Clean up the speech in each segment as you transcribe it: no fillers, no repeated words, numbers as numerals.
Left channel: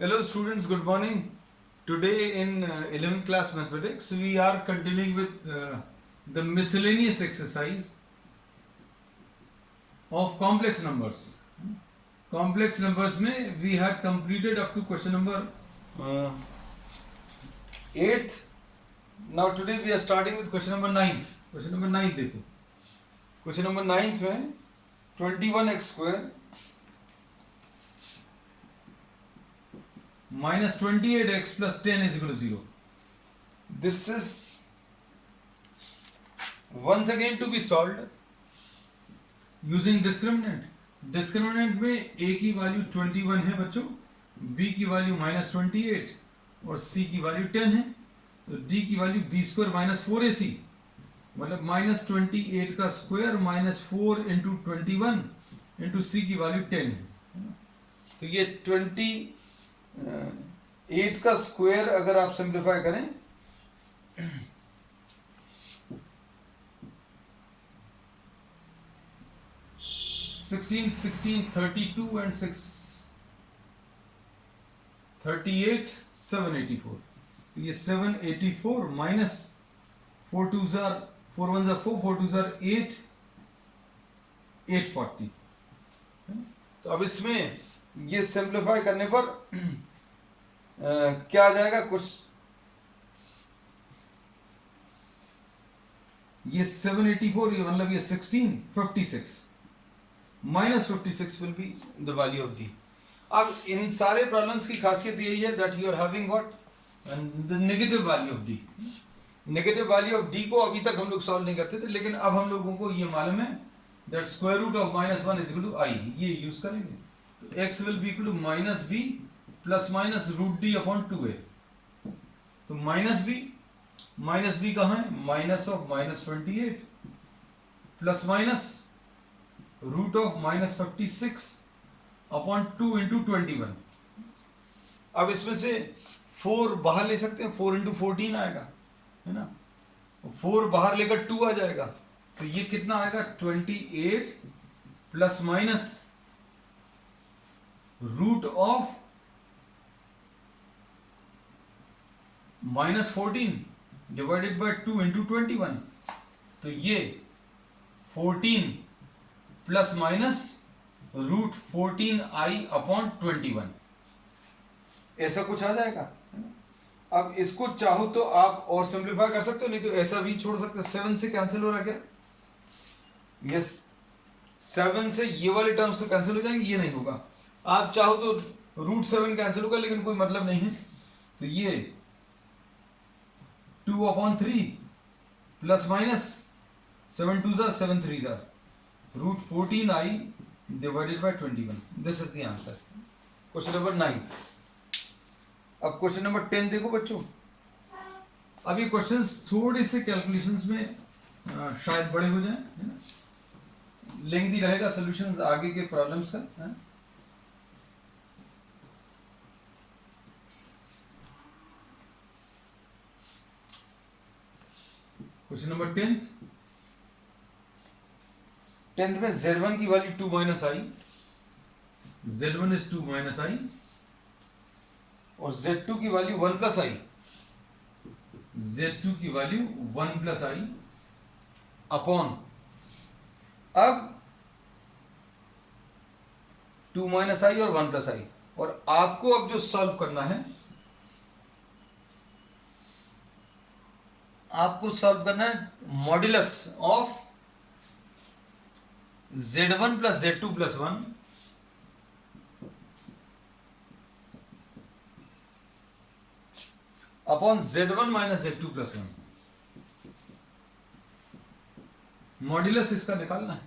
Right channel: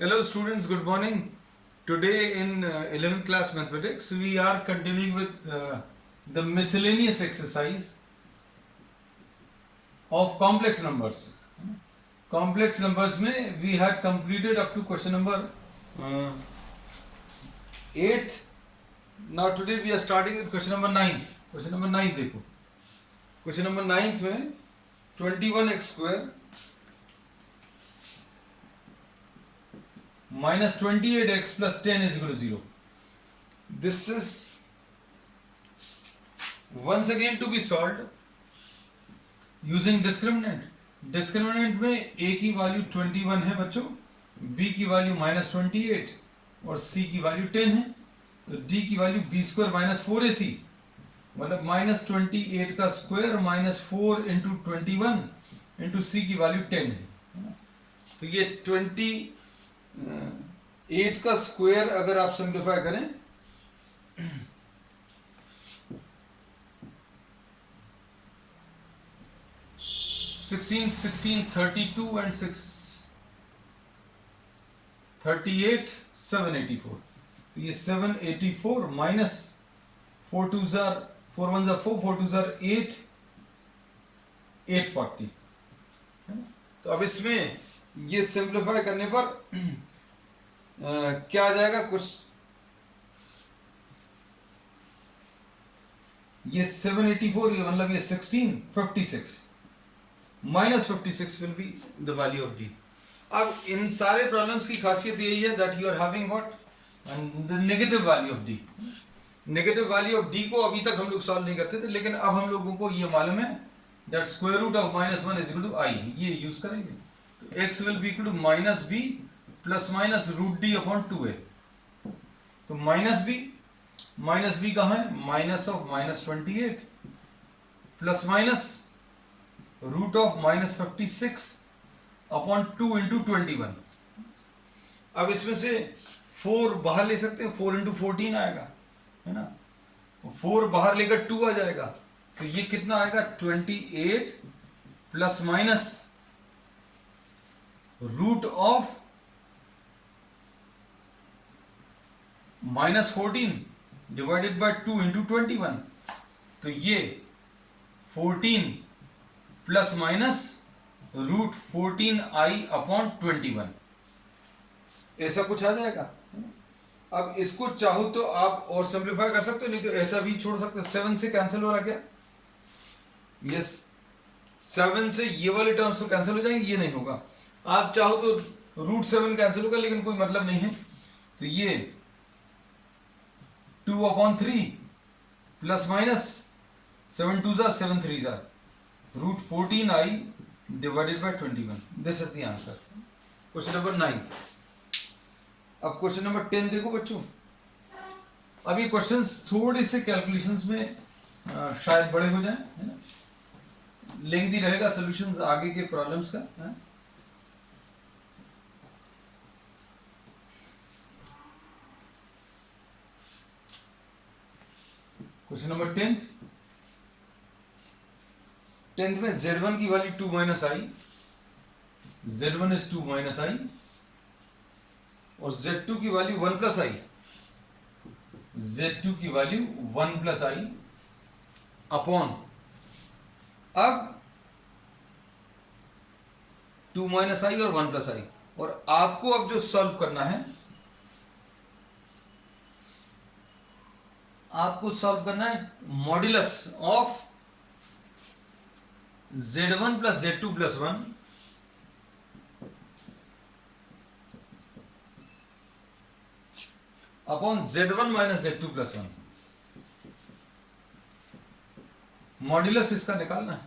Hello students, good morning. Today in 11th class mathematics we are continuing with the miscellaneous exercise of complex numbers. Complex numbers में we had completed up to question number 8th. Now today we are starting with question number 9. Question number 9 देखो. Question number 9 में 21x square minus 28x plus 10 is equal to 0. This is once again to be solved using discriminant. Discriminant में a की value 21 है बच्चों, b की value -28 और c की value 10 है. तो d की value b square minus 4ac मतलब -28 का square minus 4 into 21 into c की वैल्यू 10 है. तो ये 8 का स्क्वायर अगर आप सिंप्लीफाई करें सिक्सटीन 32 एंड 38 784. तो ये 784 माइनस 4 2 जार 4 1 जार 4 4 2 जार 8 840. तो अब इसमें ये सिंप्लीफाई करने पर क्या आ जाएगा कुछ ये 784 ये मतलब ये 1656 minus 56 will be the value of D. अब इन सारे प्रॉब्लम्स की खासियत यही है that you are having what the negative value of D. Negative value of D को अभी तक हम लोग सॉल्व नहीं करते थे, लेकिन अब हम लोगों को ये मालूम है that square root of -1 is equal to i. ये यूज करेंगे तो x will be equal to minus B plus minus root D upon 2a. तो माइनस बी कहाँ है, minus of -28 plus minus root of -56 upon 2 into 21. अब इसमें से 4 बाहर ले सकते हैं, 4 इंटू 14 आएगा है ना. 4 बाहर लेकर 2 आ जाएगा तो ये कितना आएगा 28 plus minus root of -14 divided by 2 into 21. तो ये 14 plus minus root 14i upon 21 ऐसा कुछ आ जाएगा. अब इसको चाहो तो आप और सिंप्लीफाई कर सकते हो, नहीं तो ऐसा भी छोड़ सकते हो. 7 से कैंसिल हो रहा क्या, यस 7 से ये वाले टर्म्स तो कैंसिल हो जाएंगे, ये नहीं होगा. आप चाहो तो रूट 7 कैंसिल होगा लेकिन कोई मतलब नहीं है. तो ये 2 अपॉन 3 प्लस माइनस 7 2 जार 7 3 जार root 14i divided by 21. This is the answer. Question number 9. अब क्वेश्चन नंबर 10 देखो बच्चों. अब ये क्वेश्चंस थोड़े से कैलकुलेशंस में शायद बड़े हो जाएं है ना, लेंथी रहेगा सॉल्यूशंस आगे के प्रॉब्लम्स का है? क्वेश्चन नंबर 10th में z1 की value 2 minus I, z1 is 2 minus I और z2 की वैल्यू 1 प्लस आई, z2 की वैल्यू 1 प्लस आई अपॉन अब 2 माइनस आई और 1 प्लस आई. और आपको अब जो सॉल्व करना है, आपको सॉल्व करना है modulus of z1 plus z2 plus 1 upon z1 minus z2 plus 1. Modulus इसका निकालना है.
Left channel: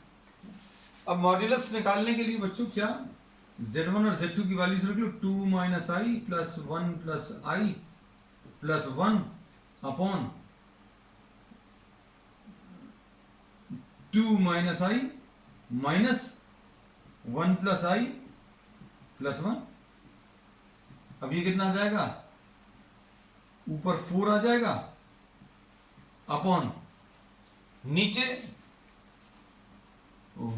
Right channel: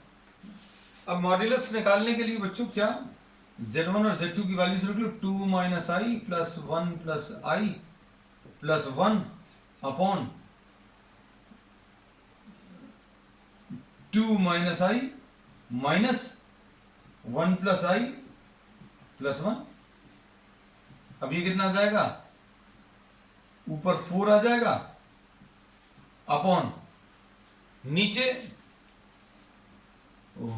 अब मॉड्यूलस निकालने के लिए बच्चों क्या z1 और z2 की वैल्यूज रख लो. 2 minus I plus 1 plus I plus 1 upon 2 minus I minus 1 plus I plus 1. अब ये कितना आ जाएगा, ऊपर 4 आ जाएगा अपॉन नीचे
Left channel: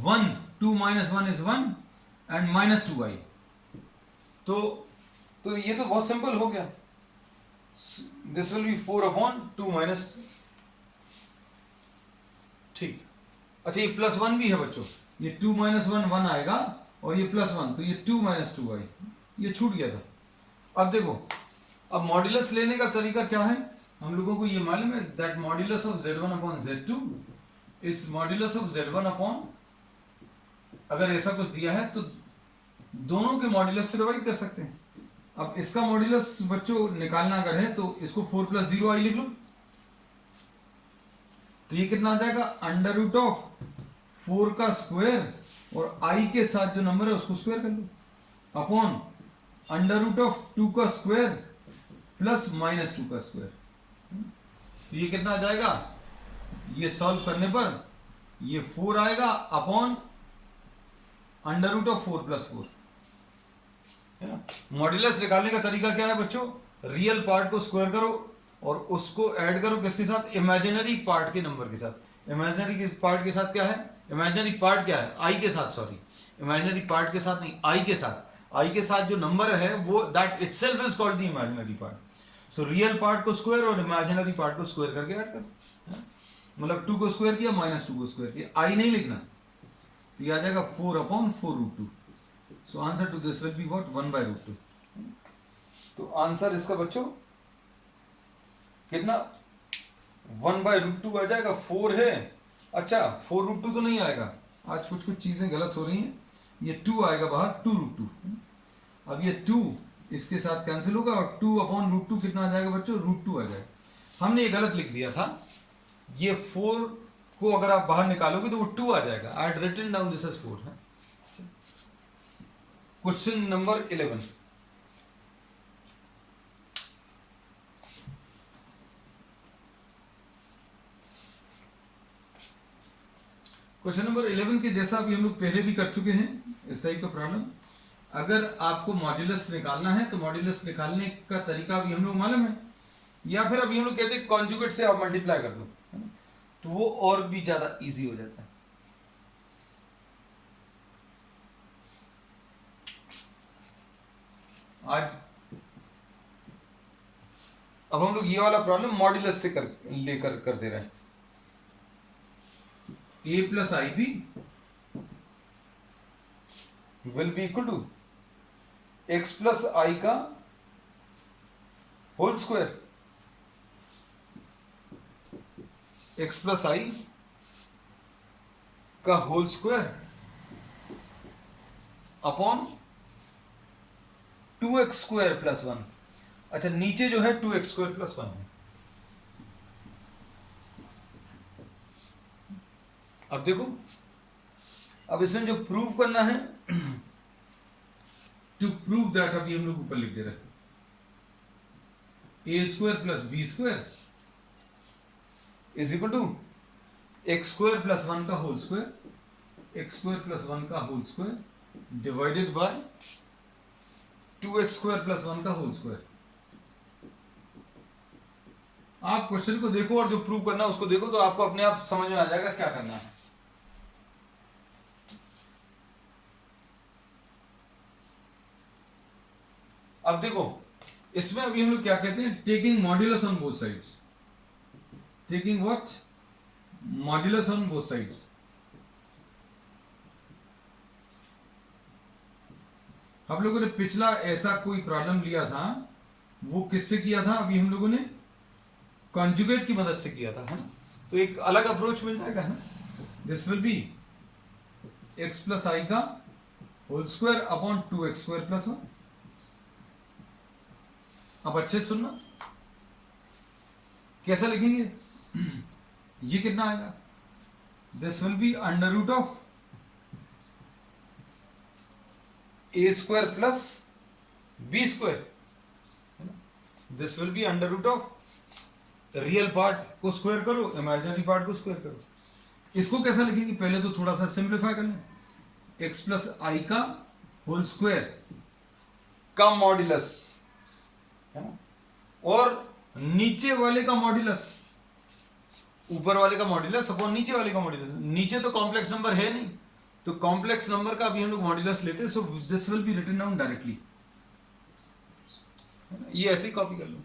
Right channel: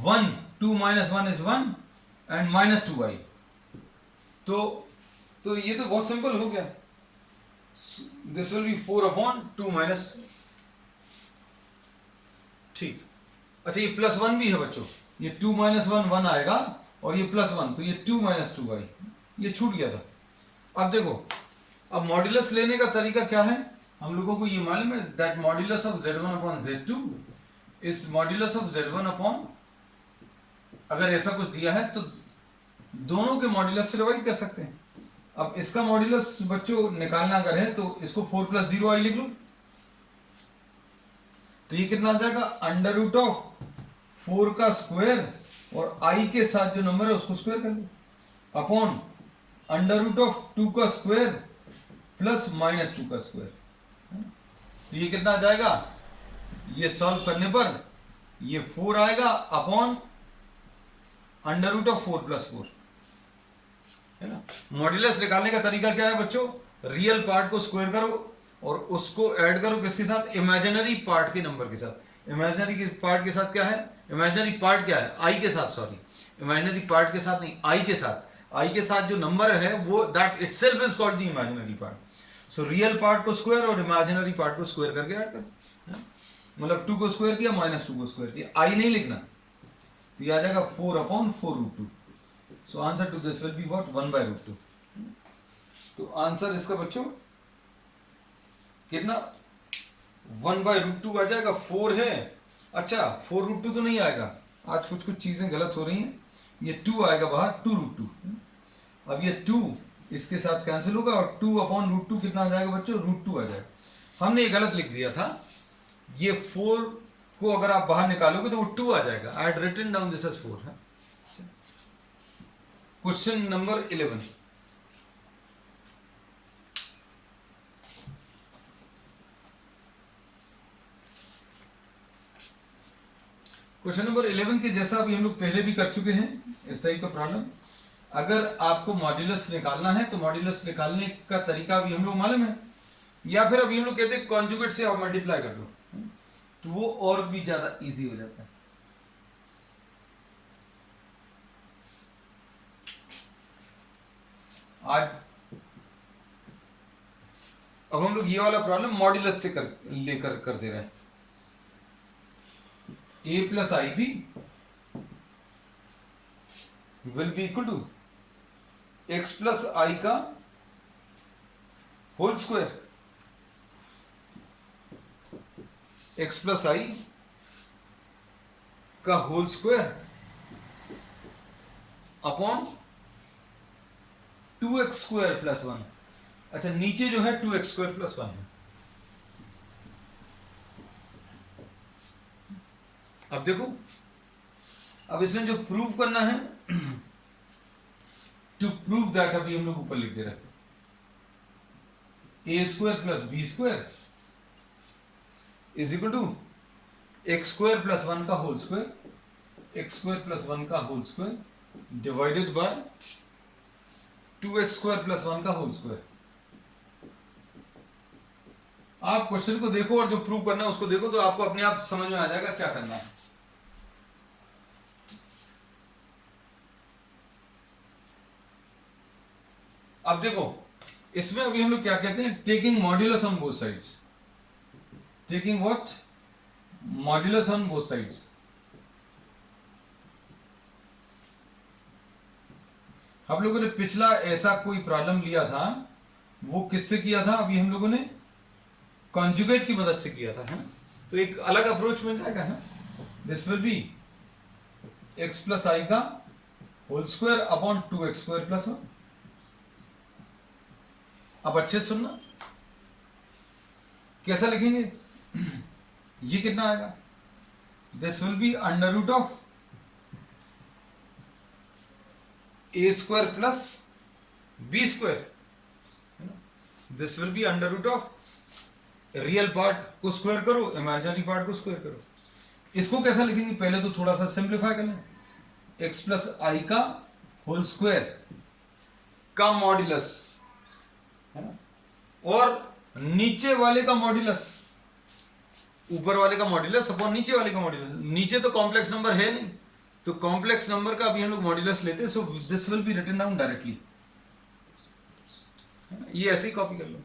1 2 minus 1 is 1 and minus 2i. तो तो ये तो बहुत सिंपल हो गया, दिस विल बी 4/2 माइनस, ठीक। अच्छा ये +1 भी है बच्चों, ये 2 - 1 1 आएगा और ये +1, तो ये 2 - 2 आई, ये छूट गया था। अब देखो, अब मॉड्यूलस लेने का तरीका क्या है, हम लोगों को ये मालूम है that modulus of Z1/Z2 is modulus of Z1 अगर ऐसा कुछ दिया है तो दोनों के मॉड्यूलस से डिवाइड कर सकते हैं। अब इसका मॉड्यूलस बच्चों निकालना अगर है तो इसको 4 + 0 i लिख लो, तो ये कितना आ जाएगा, √4 का स्क्वायर और i के साथ जो नंबर है उसको स्क्वायर कर लो, अपॉन √2 का स्क्वायर प्लस -2 का स्क्वायर। तो ये कितना आ जाएगा, ये सॉल्व करने पर ये 4 आएगा अपॉन √4 + 4, है ना। मॉड्यूलस निकालने का तरीका क्या है बच्चों, रियल पार्ट को स्क्वायर करो और उसको ऐड करो किसके साथ, इमेजिनरी पार्ट के नंबर के साथ। इमेजिनरी पार्ट के साथ क्या है, इमेजिनरी पार्ट क्या है, आई के साथ, सॉरी इमेजिनरी पार्ट के साथ नहीं, आई के साथ, आई के साथ जो नंबर है वो that itself is called the imaginary part. So real part को स्क्वायर और इमेजिनरी पार्ट को स्क्वायर करके ऐड करो, मतलब 2 को स्क्वायर किया -2 को स्क्वायर किया, आई नहीं लिखना, तो ये आ जाएगा 4/4√2। So answer to this will be what, 1/√2। तो आंसर इसका बच्चों कितना, 1/√2 आ जाएगा, 4 है, अच्छा 4√2 तो नहीं आएगा, आज कुछ चीजें गलत हो रही हैं, ये 2 आएगा बाहर, 2√2। अब ये 2 इसके साथ कैंसिल होगा और 2/√2 कितना आ जाएगा बच्चों, √2 आ जाएगा। हमने ये गलत लिख दिया था, ये 4 को अगर आप बाहर निकालोगे तो वो 2 आ जाएगा, I had written down this as 4 है। क्वेश्चन नंबर 11, क्वेश्चन नंबर 11 के जैसा अभी हम लोग पहले भी कर चुके हैं इस टाइप का प्रॉब्लम। अगर आपको मॉड्यूलस निकालना है तो मॉड्यूलस निकालने का तरीका अभी हम लोग मालूम है, या फिर अभी हम लोग कहते हैं कॉन्जुगेट से आप मल्टीप्लाई कर दो, तो वो और भी ज्यादा इजी हो जाता है। आज अब हम लोग ये वाला प्रॉब्लम मॉड्यूलस से लेकर कर दे रहे हैं। a + ib will be equal to x + i का होल स्क्वायर, x + i का होल स्क्वायर अपॉन 2x² + 1। अच्छा नीचे जो है 2x² + 1 है। अब देखो, अब इसमें जो प्रूव करना है, टू प्रूव दैट, अभी हम लोग ऊपर लिख दे रहे हैं, a² + b² is equal to x² + 1 का होल स्क्वायर, x² + 1 का whole square divided by 2x² + 1 का होल स्क्वायर। आप क्वेश्चन को देखो और जो प्रूव करना है उसको देखो, तो आपको अपने आप समझ में आ जाएगा क्या करना है। अब देखो, इसमें अभी हम लोग क्या कहते हैं, taking modulus on both sides, taking what, modulus on both sides. हम लोगों ने पिछला ऐसा कोई प्रॉब्लम लिया था, वो किससे किया था, अभी हम लोगों ने कॉन्जुगेट की मदद से किया था, है ना। तो एक अलग अप्रोच मिल जाएगा ना, this will B x + i का होल स्क्वायर अपॉन 2x² + 1। अब अच्छे से सुनना, कैसा लिखेंगे, ये कितना आएगा, this will B √a² + b², this will B √ real part को स्क्वायर करो, इमेजिनरी पार्ट को स्क्वायर करो। इसको कैसा लिखेंगे, पहले तो थोड़ा सा सिंप्लीफाई कर लें, x + i का होल स्क्वायर का मॉड्यूलस, है ना, और नीचे वाले का मॉड्यूलस, ऊपर वाले का मॉड्यूलस अपॉन नीचे वाले का मॉड्यूलस। नीचे तो कॉम्प्लेक्स नंबर है नहीं, तो कॉम्प्लेक्स नंबर का अभी हम लोग मॉड्यूलस लेते हैं, so this will be written down directly. ये ऐसे ही कॉपी कर लो,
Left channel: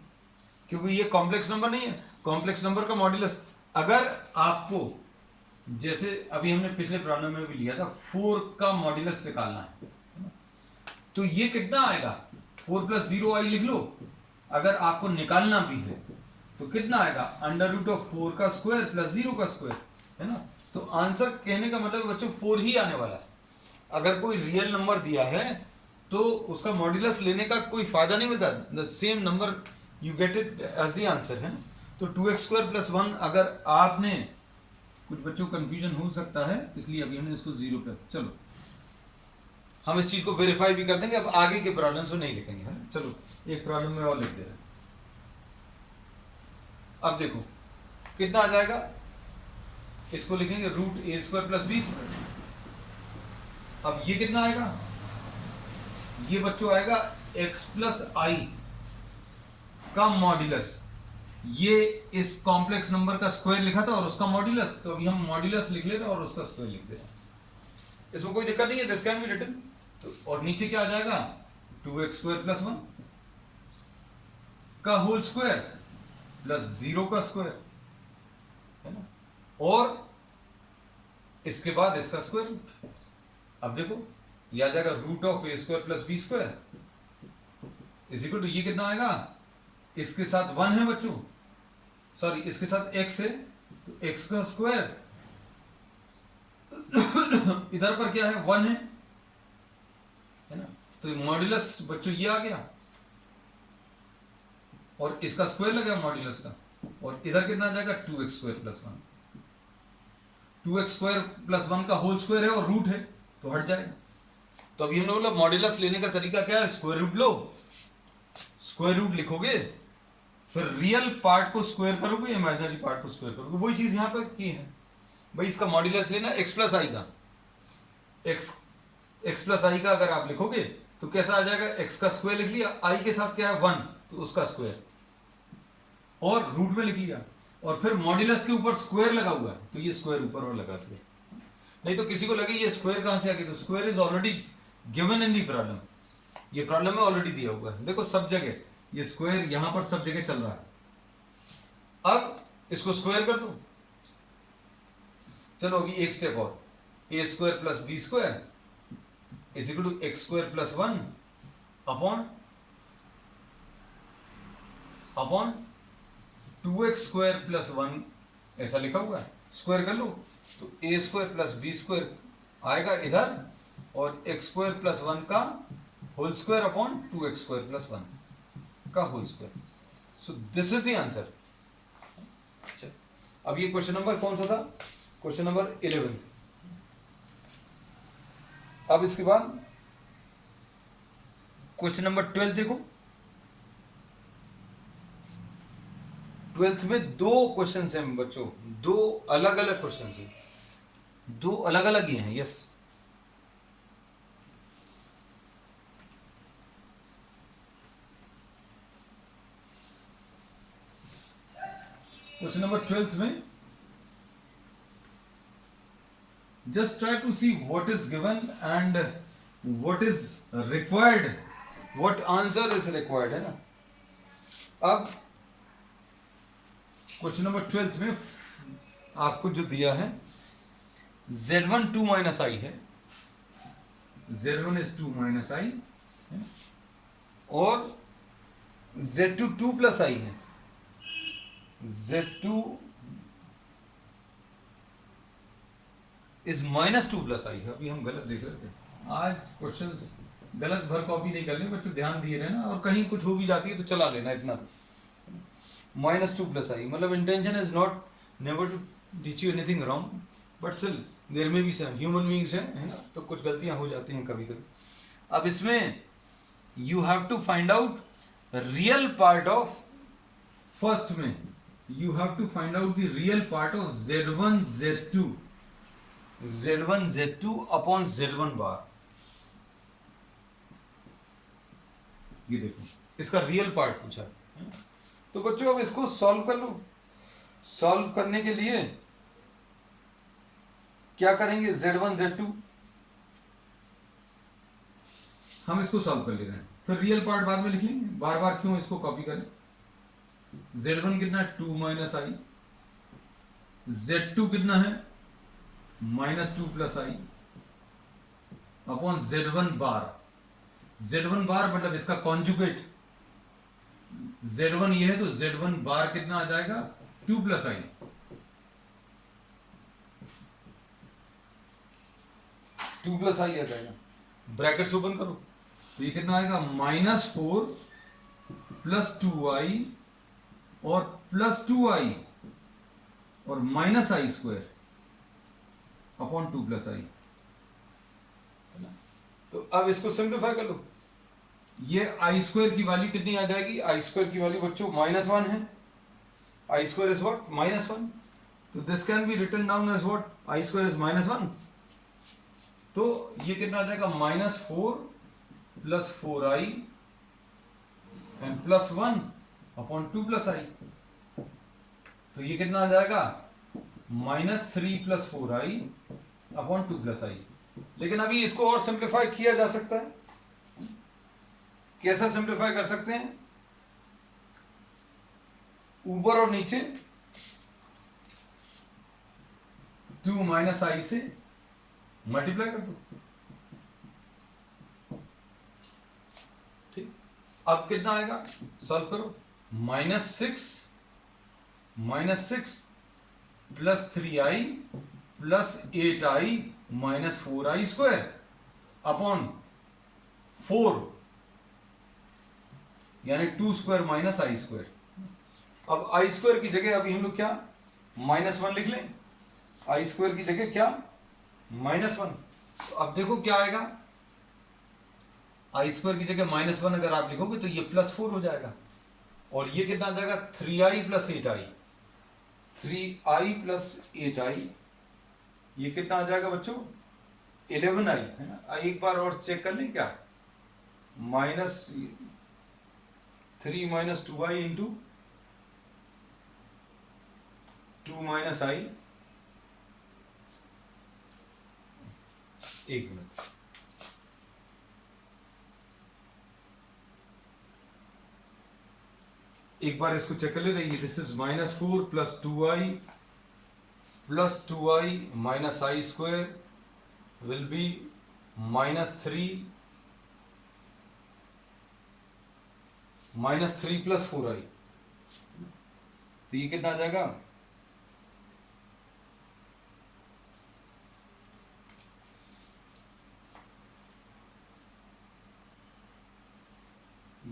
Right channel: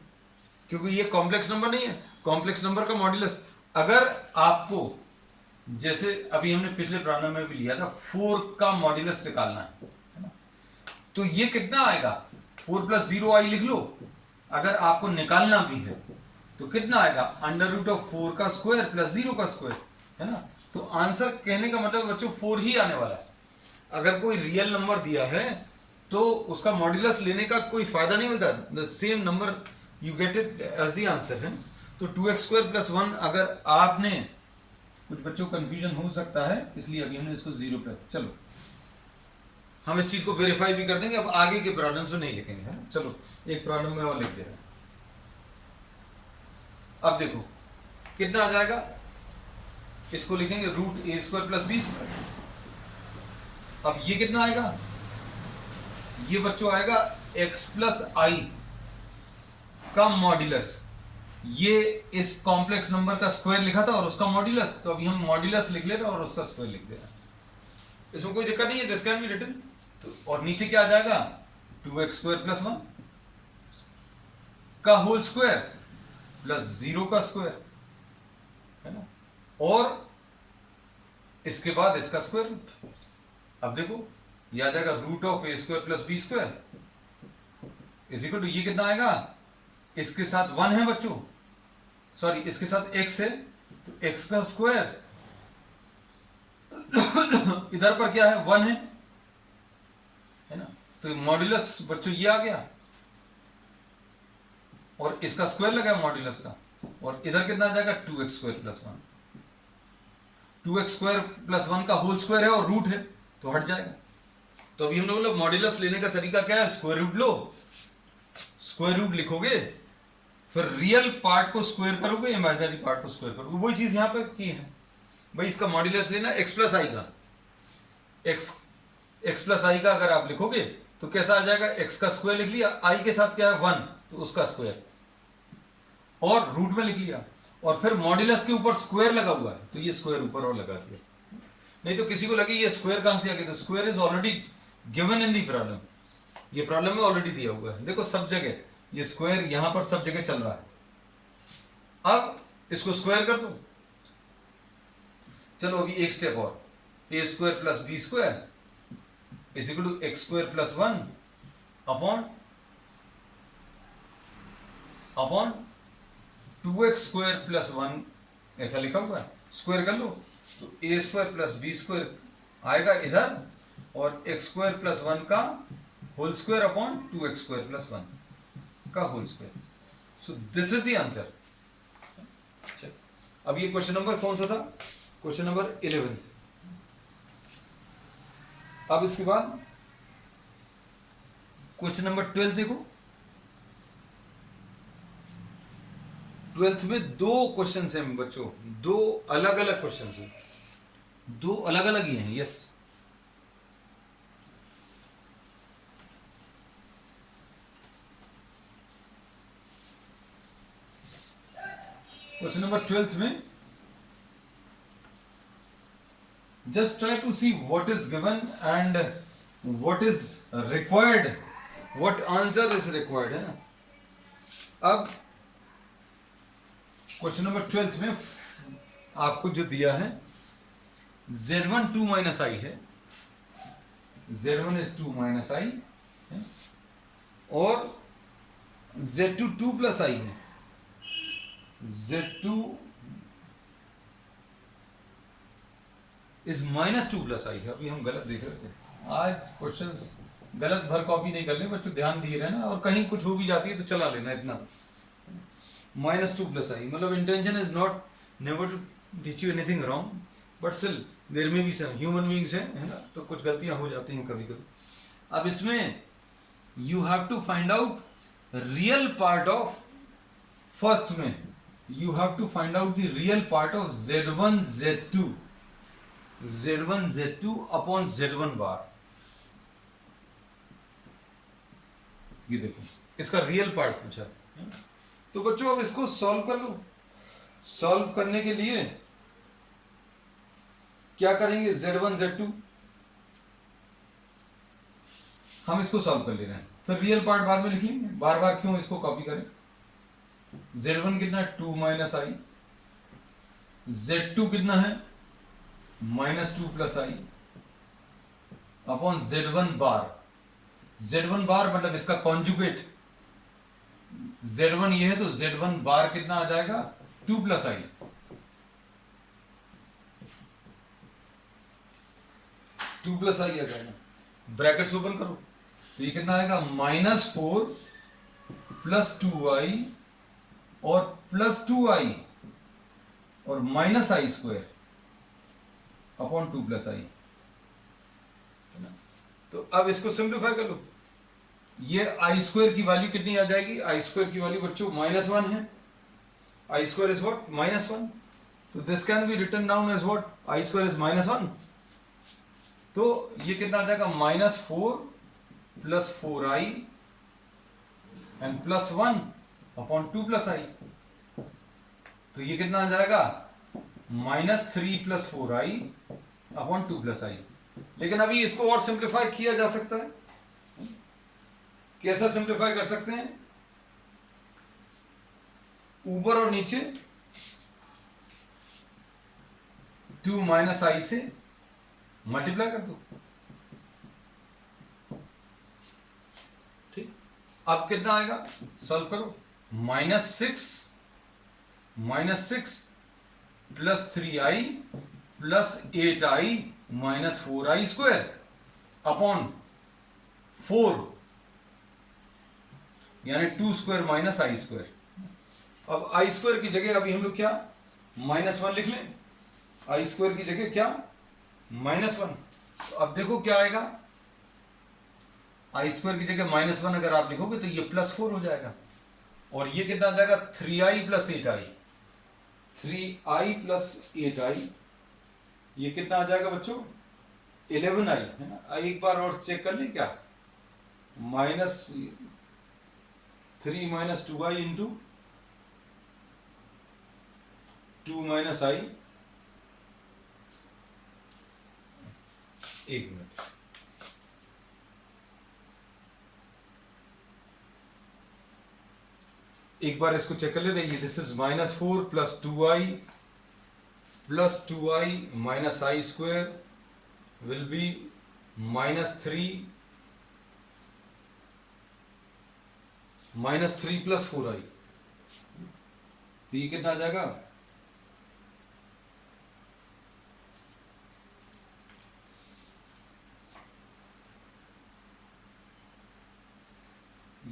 क्योंकि ये कॉम्प्लेक्स नंबर नहीं है। कॉम्प्लेक्स नंबर का मॉड्यूलस, अगर आपको, जैसे अभी हमने पिछले प्रॉब्लम में भी लिया था, 4 का मॉड्यूलस निकालना है ना, तो ये कितना आएगा, 4 + 0i लिख लो। अगर आपको निकालना भी है तो कितना आएगा, √4 का स्क्वायर प्लस 0 का स्क्वायर, है ना। तो आंसर कहने का मतलब बच्चों 4 ही आने वाला है। अगर कोई रियल नंबर दिया है तो उसका मॉड्यूलस लेने का कोई फायदा नहीं मिलता, the same number you get it as the answer, है ना। तो 2x² + 1, अगर आपने, कुछ बच्चों को कंफ्यूजन हो सकता है इसलिए अभी हमने इसको 0 पे, चलो हम इस चीज को वेरीफाई भी कर देंगे, अब आगे के प्रॉब्लम्स में नहीं लिखेंगे, है। चलो एक प्रॉब्लम में और लिख दे रहे हैं। अब देखो कितना आ जाएगा, इसको लिखेंगे √a² + b²। अब ये कितना आएगा, ये बच्चों आएगा x + i का मॉड्यूलस। ये इस कॉम्प्लेक्स नंबर का स्क्वायर लिखा था और उसका मॉड्यूलस, तो अभी हम मॉड्यूलस लिख ले रहे हैं और उसका स्क्वायर लिख दे रहे हैं। इसमें कोई दिक्कत नहीं है, दिस कैन बी रिटन। तो और नीचे क्या आ जाएगा, 2x² + 1 का होल स्क्वायर प्लस 0 का स्क्वायर, है ना, और इसके बाद इसका स्क्वायर रूट। अब देखो ये आ जाएगा √a² + b² = ये कितना आएगा, इसके साथ 1 है बच्चों, सॉरी इसके साथ x है, तो x का स्क्वायर इधर पर क्या है, 1 है ना। तो मॉड्यूलस बच्चों ये आ गया और इसका स्क्वायर लगा मॉड्यूलस का, और इधर कितना आ जाएगा, 2x² + 1। 2x² + 1 का होल स्क्वायर है और रूट है तो हट जाएगा। तो अभी हमने बोला मॉड्यूलस लेने का तरीका क्या है, स्क्वायर रूट लो, स्क्वायर रूट लिखोगे, फिर रियल पार्ट को स्क्वायर करोगे, इमेजिनरी पार्ट को स्क्वायर करोगे। वही चीज यहां पर की है भाई, इसका मॉड्यूलस लेना x + i का, x + i का अगर आप लिखोगे तो कैसा आ जाएगा, x का स्क्वायर लिख लिया, i के साथ क्या है 1, तो उसका स्क्वायर, और रूट में लिख लिया, और फिर मॉड्यूलस के ऊपर स्क्वायर लगा हुआ है तो ये स्क्वायर ऊपर और लगा दिया। नहीं तो किसी को लगे ये स्क्वायर कहां से आ गया, तो square is already given in the problem, ये प्रॉब्लम में ऑलरेडी दिया हुआ है। देखो सब जगह ये स्क्वायर यहां पर सब जगह चल रहा है। अब इसको स्क्वायर कर दो, चलो अभी एक स्टेप और, a² + b² = x² + 1 upon 2x² + 1 ऐसा लिखा हुआ है, स्क्वायर कर लो तो a² + b² आएगा इधर, और x² + 1 का होल स्क्वायर अपॉन 2x² + 1 का whole square. So this is the answer. अब ये क्वेश्चन नंबर कौन सा था, क्वेश्चन नंबर 11। अब इसके बाद क्वेश्चन नंबर 12 देखो। 12th में 2 क्वेश्चन हैं बच्चों, 2 अलग अलग क्वेश्चन हैं, 2 अलग अलग ही हैं। यस, क्वेश्चन नंबर 12th में just try to see what is given and what is required, what answer is required, है ना। अब क्वेश्चन नंबर 12th में आपको जो दिया है z1 2 - i है, z1 is 2 - i है, और z2 2 + i है, z2 इज -2 + i है। अभी हम गलत देख रहे थे, आज क्वेश्चंस गलत भर कॉपी नहीं करने बच्चों, ध्यान दिए रहना, और कहीं कुछ हो भी जाती है तो चला लेना इतना। -2 + i मतलब intention is not never to teach you anything wrong, but still there में भी सम ह्यूमन बीइंग्स हैं, है ना, तो कुछ गलतियां हो जाती हैं कभी कभी। अब इसमें you have to find out real part of, first में you have to find out the real part of z1 z2 upon z1 bar. ये देखो इसका रियल पार्ट पूछा है। तो बच्चों अब इसको सॉल्व कर लो। सॉल्व करने के लिए क्या करेंगे, z1 z2 हम इसको सॉल्व कर ले रहे हैं, फिर रियल पार्ट बाद में लिख लेंगे, बार बार क्यों इसको कॉपी करें। z1 कितना है 2 माइनस आई, z2 कितना है -2 प्लस आई अपॉन z1 बार। z1 बार मतलब इसका कॉन्जुगेट, z1 ये है तो z1 बार कितना आ जाएगा 2 प्लस आई। टू प्लस आई आ जाएगा, ब्रैकेट्स ओपन करो तो ये कितना आएगा -4 प्लस 2i और प्लस 2i और minus I square upon 2 plus I. तो अब इसको सिंप्लीफाई कर लो, ये आई स्क्वायर की वैल्यू कितनी आ जाएगी, आई स्क्वायर की वैल्यू बच्चों -1 है, आई स्क्वायर इज व्हाट -1, तो this can be written down as what I square is -1। तो ये कितना आ जाएगा -4 plus 4i and plus 1 upon 2 plus I. तो ये कितना आ जाएगा -3 प्लस 4i अपॉन 2 प्लस आई। लेकिन अभी इसको और सिंप्लीफाई किया जा सकता है, कैसा सिंप्लीफाई कर सकते हैं, ऊपर और नीचे 2 माइनस आई से मल्टीप्लाई कर दो, ठीक। अब कितना आएगा, सॉल्व करो, -6 plus 3i plus 8i minus 4i square upon 4 यानी 2 स्क्वायर माइनस आई स्क्वायर। अब आई स्क्वायर की जगह अभी हम लोग क्या -1 लिख लें, आई स्क्वायर की जगह क्या -1। तो अब देखो क्या आएगा, आई स्क्वायर की जगह -1 अगर आप लिखोगे तो ये +4 हो जाएगा और ये कितना आ जाएगा 3i plus 8i, 3i plus 8i ये कितना आ जाएगा बच्चों 11i है ना। आई एक बार और चेक कर लें क्या, -3 माइनस 2i इंटू 2 माइनस आई, एक मिनट, एक बार इसको चेक कर ले रही है। This is -4 plus 2i plus 2i minus I square will be -3 plus 4i। तो ये कितना आ जाएगा,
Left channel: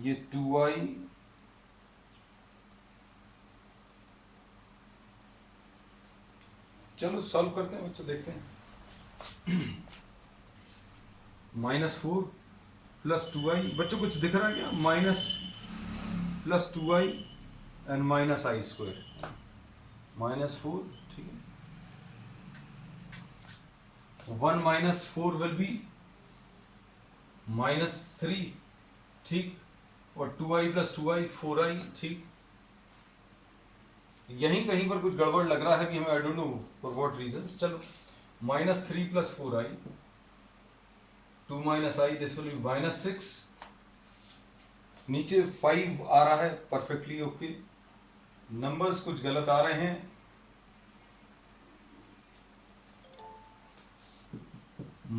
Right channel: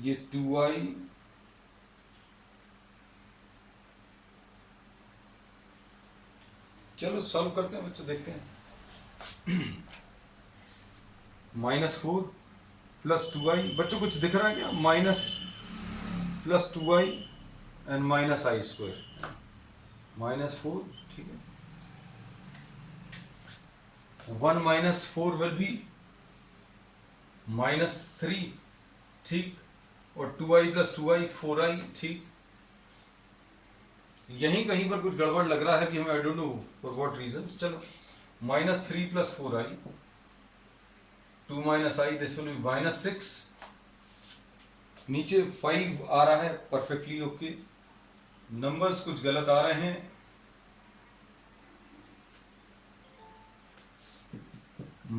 ये 2i चलो सॉल्व करते हैं बच्चों, देखते हैं। -4 प्लस 2i बच्चों कुछ दिख रहा है क्या, minus plus 2i and minus I square, -4 ठीक है, 1 माइनस 4 विल बी -3 ठीक, और 2i प्लस 2i 4i ठीक। यहीं कहीं पर कुछ गड़बड़ लग रहा है कि हमें, I don't know for what reason. चलो -3 plus 4i 2 minus i, this will be -6, नीचे 5 आ रहा है परफेक्टली ओके, नंबर्स कुछ गलत आ रहे हैं,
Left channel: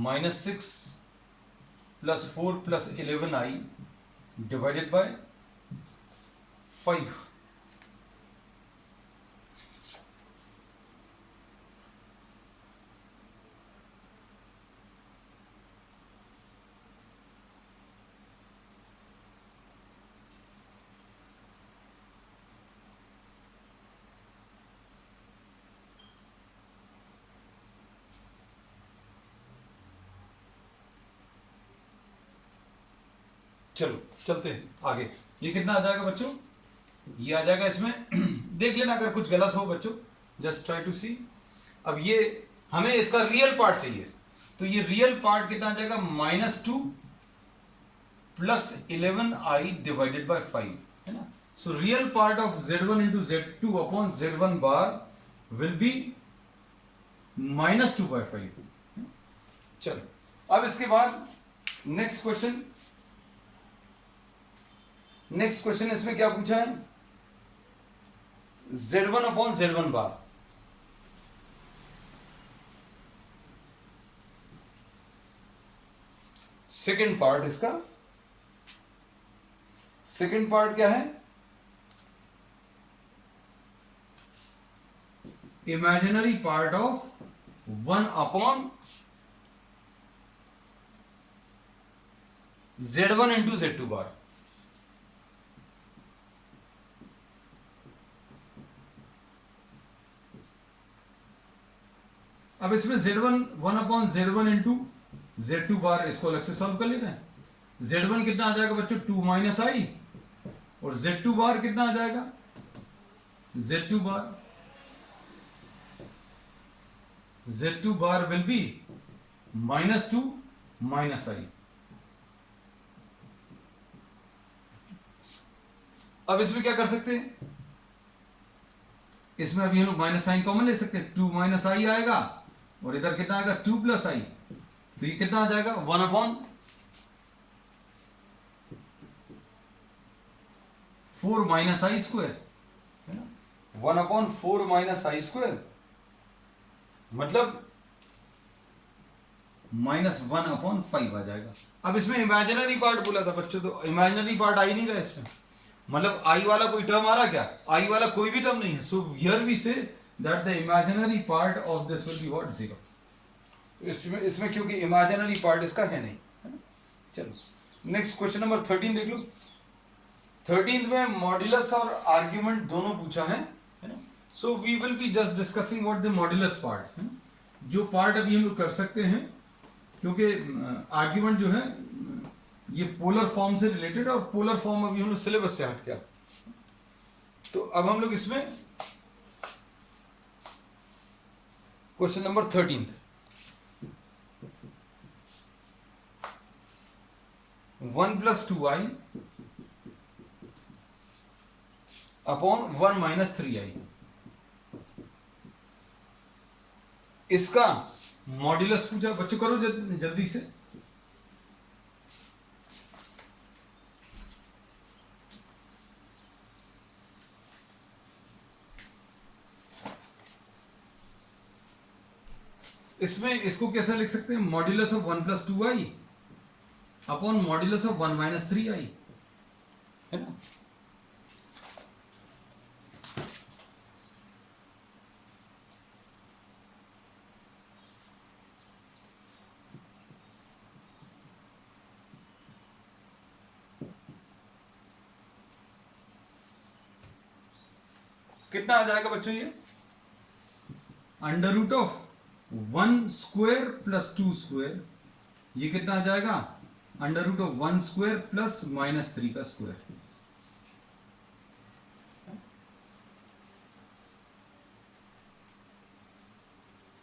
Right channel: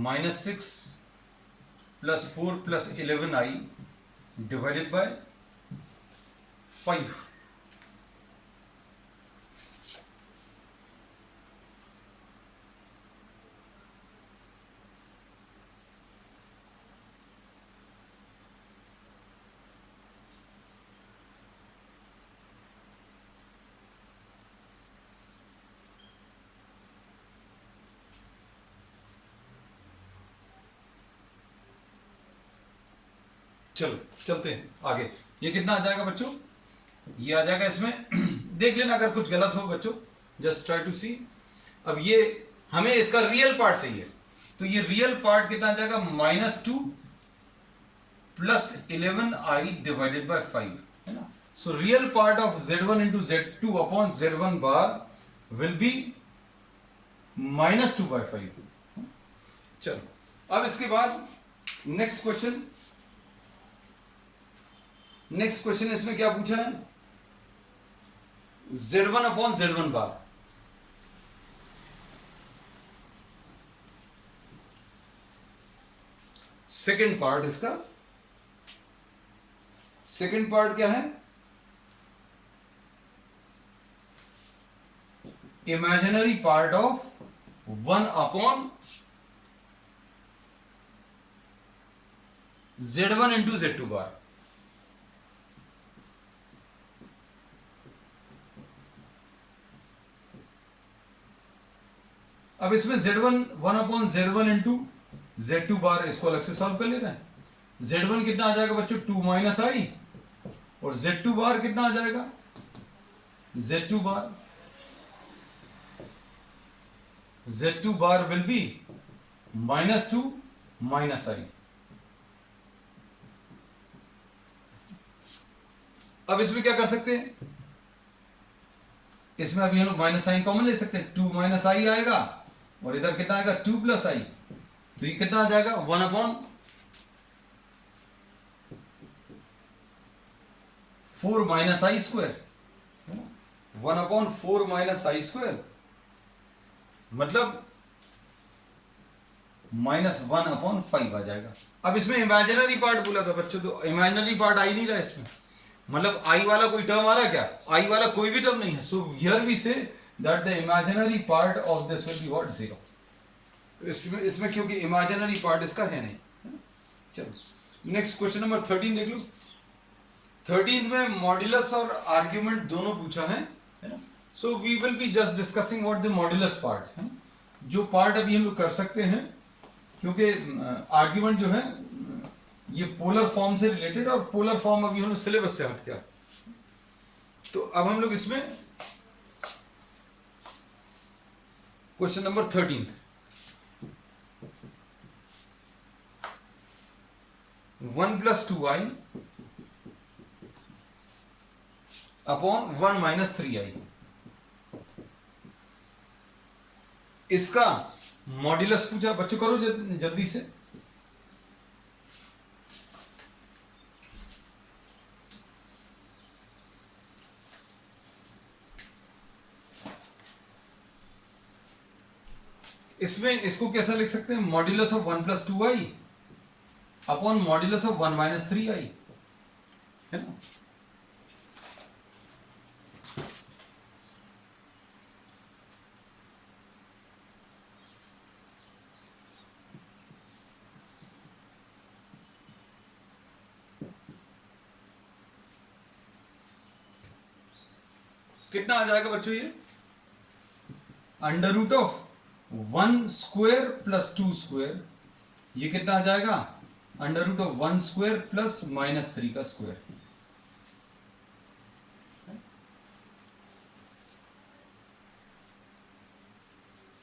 -6 plus 4 plus 11i divided by 5। चलो चलते हैं आगे, ये कितना आ जाएगा बच्चों, ये आ जाएगा इसमें देख लेना अगर कुछ गलत हो बच्चों, जस्ट ट्राई टू सी। अब ये हमें इसका रियल पार्ट चाहिए, तो ये रियल पार्ट कितना आ जाएगा -2 प्लस 11i डिवाइडेड बाय 5 है ना। So real part of z1 into z2 upon z1 bar will be -2 by 5। चलो अब इसके बाद नेक्स्ट क्वेश्चन नेक्स्ट क्वेश्चन इसमें क्या पूछा है, Z1 अपॉन Z1 बार। सेकेंड पार्ट इसका, सेकेंड पार्ट क्या है, imaginary part of 1 upon Z1 into Z2 बार। अब इसमें Z1 1 upon Z1 into Z2 बार, इसको अलग से सॉल्व कर ले रहे हैं। Z1 कितना आ जाएगा बच्चों, 2 माइनस आई, और Z2 बार कितना आ जाएगा, Z2 bar, Z2 bar will be -2 minus I. अब इसमें क्या कर सकते हैं, इसमें अभी हम लोग माइनस साइन कॉमन ले सकते हैं, 2 माइनस आई आएगा, और इधर कितना आएगा 2 प्लस आई, तो ये कितना आ जाएगा 1 अपॉन 4 माइनस आई स्क्वायर, है ना, 1 अपॉन 4 माइनस आई स्क्वायर, मतलब -1 अपॉन 5 आ जाएगा। अब इसमें इमेजिनरी पार्ट बोला था बच्चों, तो इमेजिनरी पार्ट आ ही नहीं रहा इसमें, मतलब आई वाला कोई टर्म आ रहा क्या, आई वाला कोई भी टर्म नहीं है। So here we say that the imaginary part of this will be what, 0। इसमें क्योंकि इमेजिनरी पार्ट इसका है नहीं, है ना। चलो नेक्स्ट क्वेश्चन नंबर 13 देख लो। 13 में मॉड्यूलस और आर्ग्यूमेंट दोनों पूछा है ना। So we will be just discussing what the modulus part है, जो पार्ट अभी हम लोग कर सकते हैं, क्योंकि आर्ग्यूमेंट जो है ये पोलर फॉर्म से रिलेटेड, और पोलर फॉर्म अभी हम लोग सिलेबस से हट गया। तो अब हम लोग इसमें question number 13, 1 plus 2i upon 1 minus 3i, इसका मॉड्यूलस पूछा बच्चों, करो जल्दी से। इसमें इसको कैसा लिख सकते हैं, modulus of 1 plus 2i upon modulus of 1 minus 3i, है ना। कितना आ जाएगा बच्चों, ये under root of 1 square plus 2 square, ये कितना आ जाएगा under root of 1 square plus -3 का स्क्वायर।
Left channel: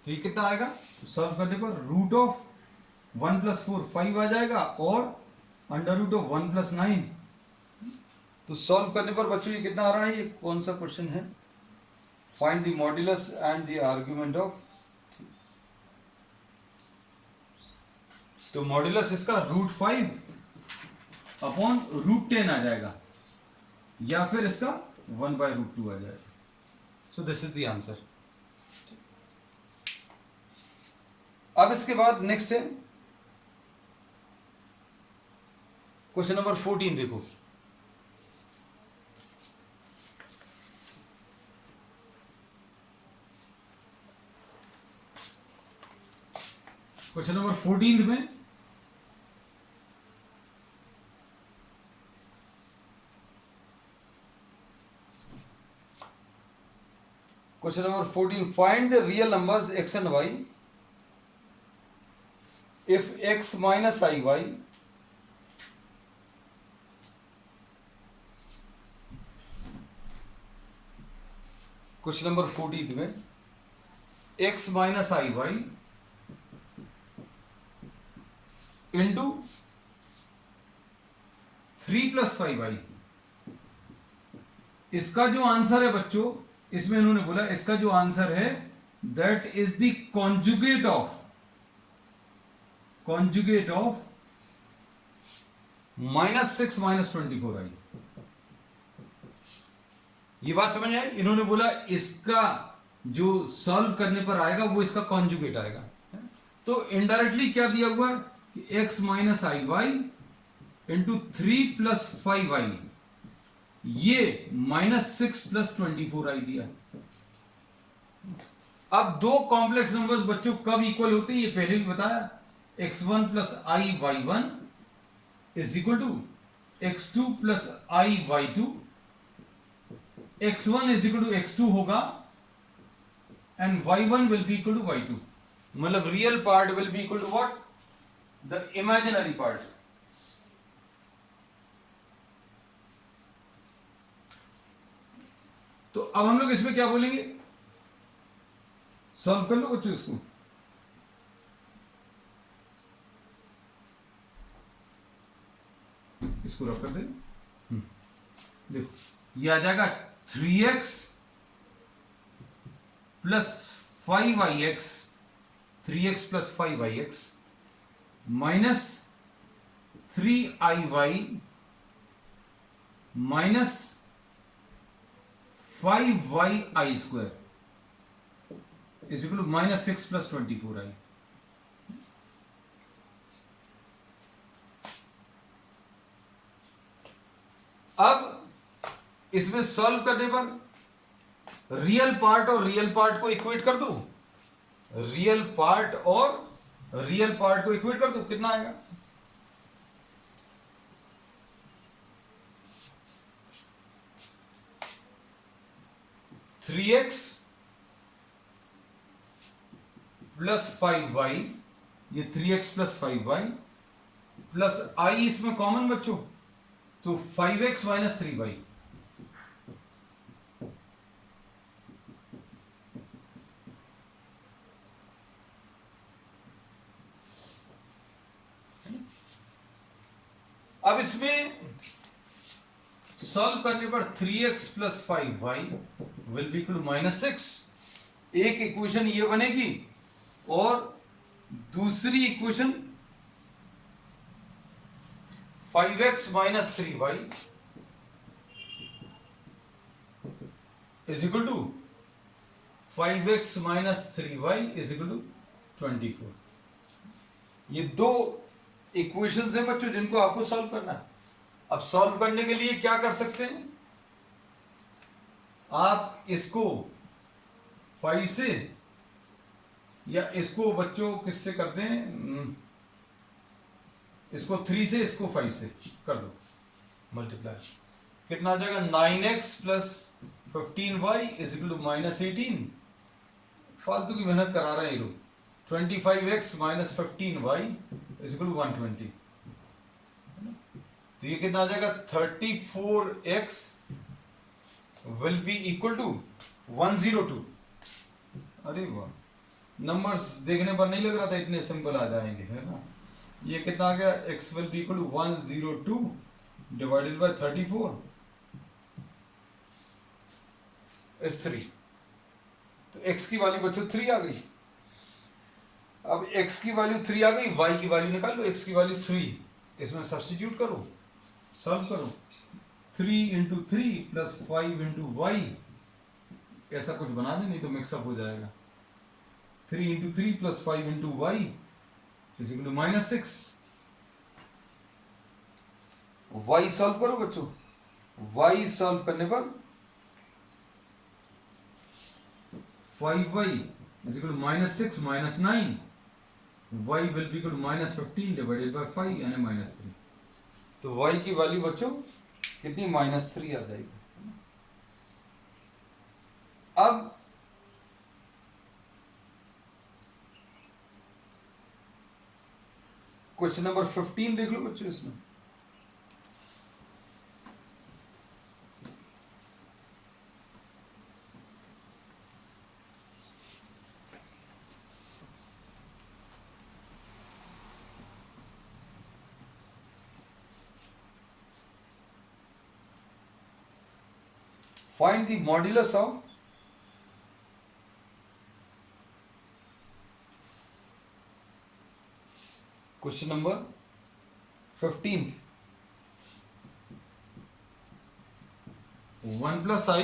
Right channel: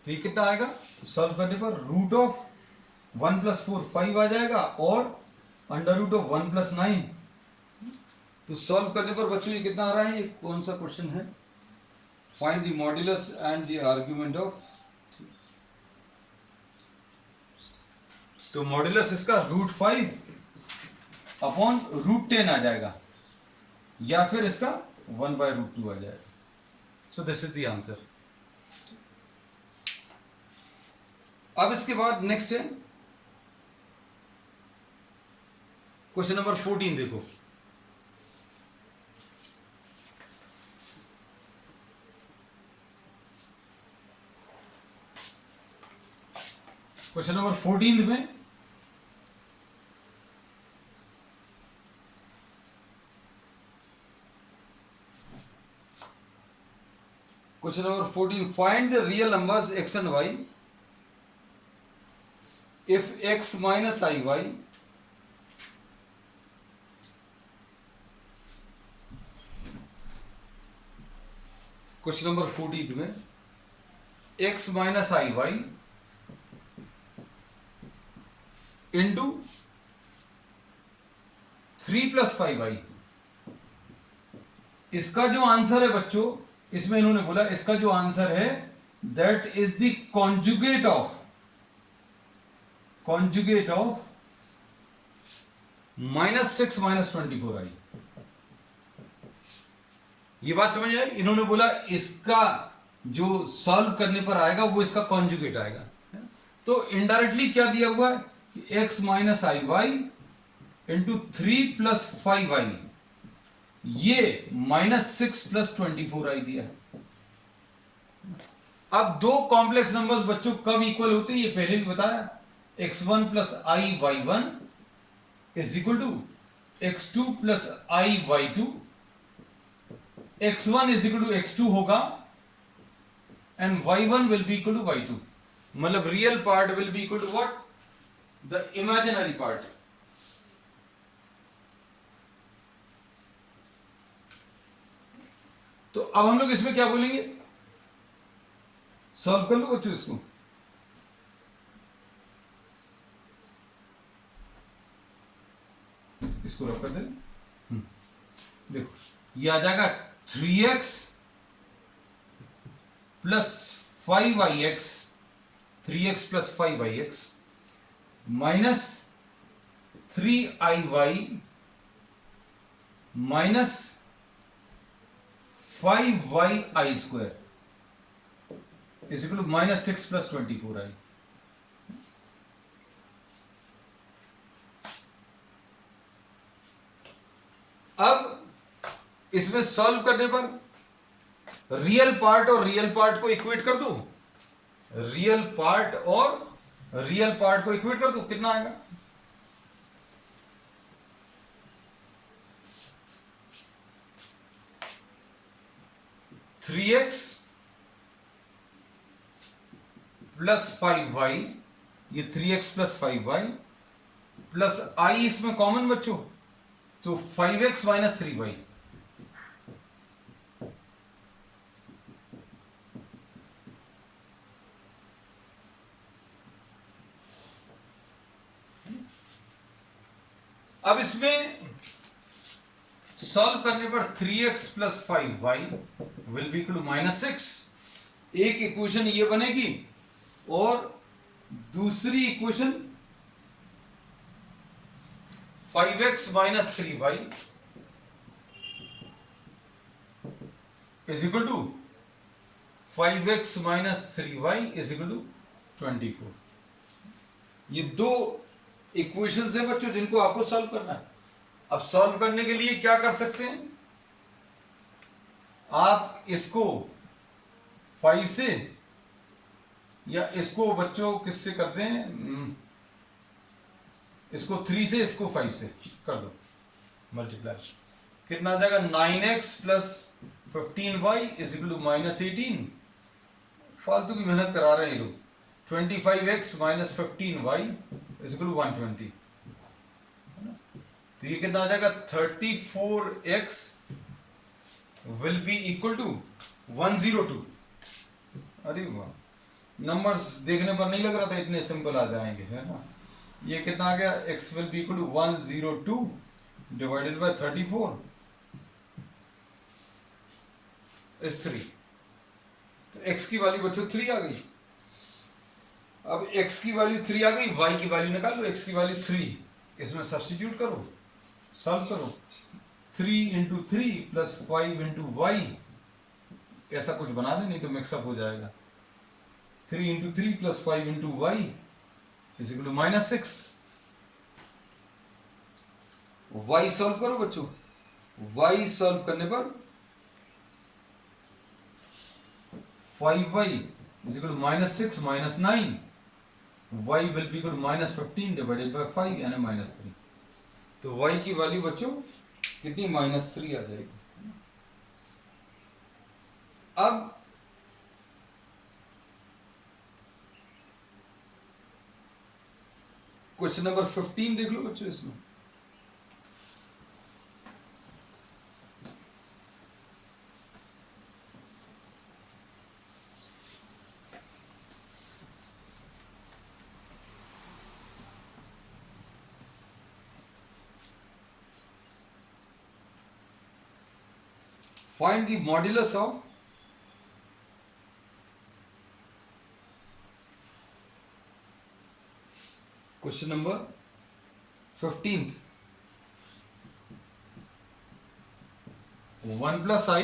तो ये कितना आएगा, सॉल्व करने पर रूट ऑफ 1 प्लस 4 5 आ जाएगा, और अंडर रूट ऑफ 1 प्लस 9। तो सॉल्व करने पर बच्चों ये कितना आ रहा है, ये कौन सा क्वेश्चन है, find the modulus and the argument of. तो मॉड्यूलस इसका √5 अपॉन √10 आ जाएगा, या फिर इसका 1/√2 आ जाएगा। सो दिस इज द आंसर। अब इसके बाद नेक्स्ट है क्वेश्चन नंबर 14 देखो। क्वेश्चन नंबर 14 में question number 14, find the real numbers x and y if x minus iy question number 14 में x माइनस आई वाई इंटू 3 प्लस 5i, इसका जो आंसर है बच्चों, इसमें इन्होंने बोला इसका जो आंसर है that is the conjugate of -6 - 24i। ये बात समझ आई? इन्होंने बोला इसका जो सॉल्व करने पर आएगा वो इसका कॉन्जुगेट आएगा। तो इनडायरेक्टली क्या दिया हुआ है कि x माइनस आई वाई इंटू 3 प्लस 5y, ये -6 प्लस 24i दिया है। अब दो कॉम्प्लेक्स नंबर्स बच्चों कब इक्वल होते हैं ये पहले भी बताया। x1 plus i y one is equal to x2 plus i y two, x1 is equal to x2 होगा and y1 will be equal to y2। मतलब real part will be equal to what, the imaginary part. तो अब हम लोग इसमें क्या बोलेंगे, solve कर लो बच्चों इसको। इसको रख कर दे। देखो ये आ जाएगा 3x plus 5ix, 3x plus 5ix minus 3iy minus 5yi square is equal to -6 plus 24i। अब इसमें सॉल्व करने पर रियल पार्ट और रियल पार्ट को इक्वेट कर दो, रियल पार्ट और रियल पार्ट को इक्वेट कर दो, कितना आएगा? थ्री एक्स प्लस 5y, ये 3x प्लस 5y प्लस आई इसमें कॉमन बच्चों, तो 5x माइनस 3y। अब इसमें सॉल्व करने पर 3x plus 5y will be equal to -6। एक इक्वेशन ये बनेगी और दूसरी equation 5x minus 3y is equal to 5x minus 3y is equal to 24। ये दो इक्वेशंस हैं बच्चों जिनको आपको सॉल्व करना है। अब सॉल्व करने के लिए क्या कर सकते हैं, आप इसको 5 से या इसको बच्चों किससे करते हैं, इसको 3 से इसको 5 से कर दो मल्टीप्लाई, कितना आ जाएगा 9x plus 15y is equal to -18। फालतू की मेहनत करा रहे हैं ये लोग। 25x minus 15y is equal to 120। तो ये कितना आ जाएगा 34x will be equal to 102। अरे वाह, नंबर्स देखने पर नहीं लग रहा था इतने सिंपल आ जाएंगे, है ना। ये कितना आ गया, x will be equal to 102 divided by 34 is 3। तो x की वैल्यू बच्चों 3 आ गई। अब x की वैल्यू 3 आ गई, y की वैल्यू निकाल लो, x की वैल्यू 3 इसमें सब्स्टिट्यूट करो, सॉल्व करो। 3 इंटू 3 प्लस 5 इंटू वाई, ऐसा कुछ बना दे नहीं तो मिक्सअप हो जाएगा। 3 into 3 plus 5 into y is equal to -6। y solve करो बच्चों, y सॉल्व करने पर 5y is equal to -6 minus 9, y will be equal to -15 divided by 5 यानी -3। तो y की वैल्यू बच्चों कितनी, -3 आ जाएगी। अब क्वेश्चन नंबर 15 देख लो बच्चों। इसमें find the modulus of question number 15th 1 plus I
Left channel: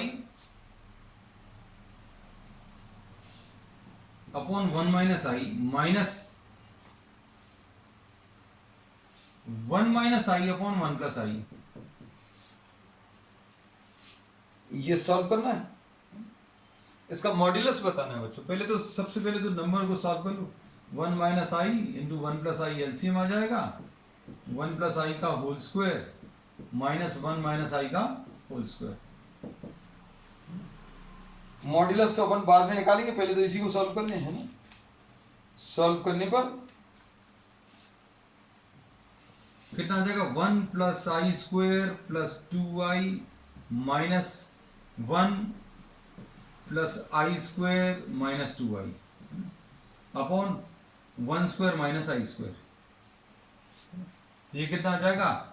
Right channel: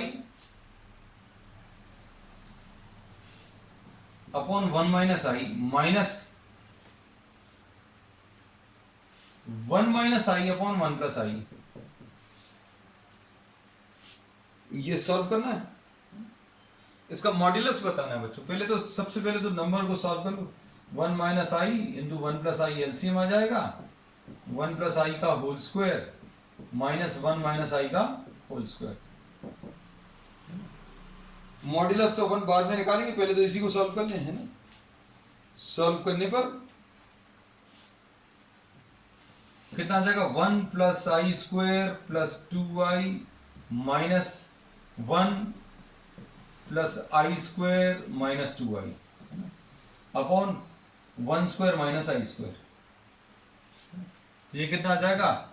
upon 1 minus I minus 1 minus I upon 1 plus I, ये सॉल्व करना है, इसका मॉड्यूलस बताना है बच्चों। पहले तो सबसे पहले तो नंबर को सॉल्व कर लो। 1 माइनस आई इंटू 1 प्लस आई एलसीएम आ जाएगा, 1 प्लस आई का होल स्क्वायर माइनस 1 माइनस आई का होल स्क्वायर। मॉड्यूलस तो अपन बाद में निकालेंगे, पहले तो इसी को सॉल्व कर लें, है ना। सॉल्व करने पर कितना आ जाएगा, 1 plus I square plus 2i minus 1 plus I square minus 2i upon 1 square minus I square. ये कितना आ जाएगा,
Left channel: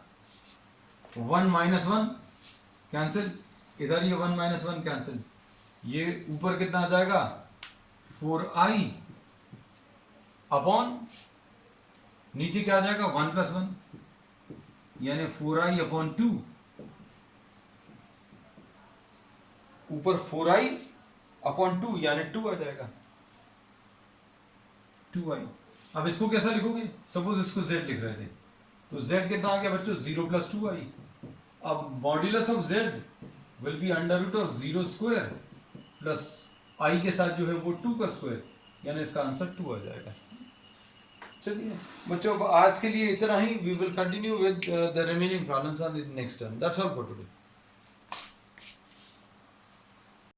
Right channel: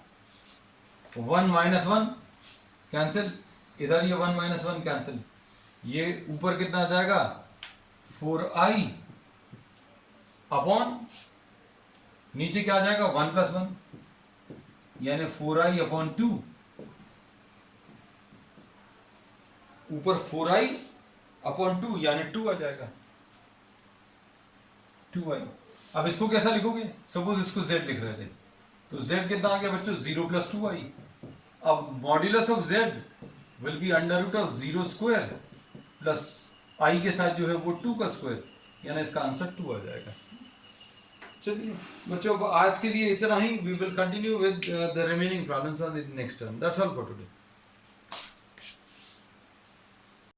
1 माइनस 1 कैंसिल, इधर ये 1 माइनस 1 कैंसिल, ये ऊपर कितना आ जाएगा 4i अपॉन नीचे क्या आ जाएगा 1 प्लस 1 यानी 4i अपॉन 2, ऊपर 4i अपॉन 2 यानी 2 आ जाएगा 2i। अब इसको कैसा लिखोगे, सपोज इसको z लिख रहे थे तो z कितना आ गया बच्चों 0 प्लस 2i। अब modulus of z will be under root of 0 square plus i के साथ जो है वो 2 का स्क्वायर, यानी इसका आंसर 2 आ जाएगा। चलिए बच्चों, अब आज के लिए इतना ही। We will continue with the remaining problems on the next term. That's all for today.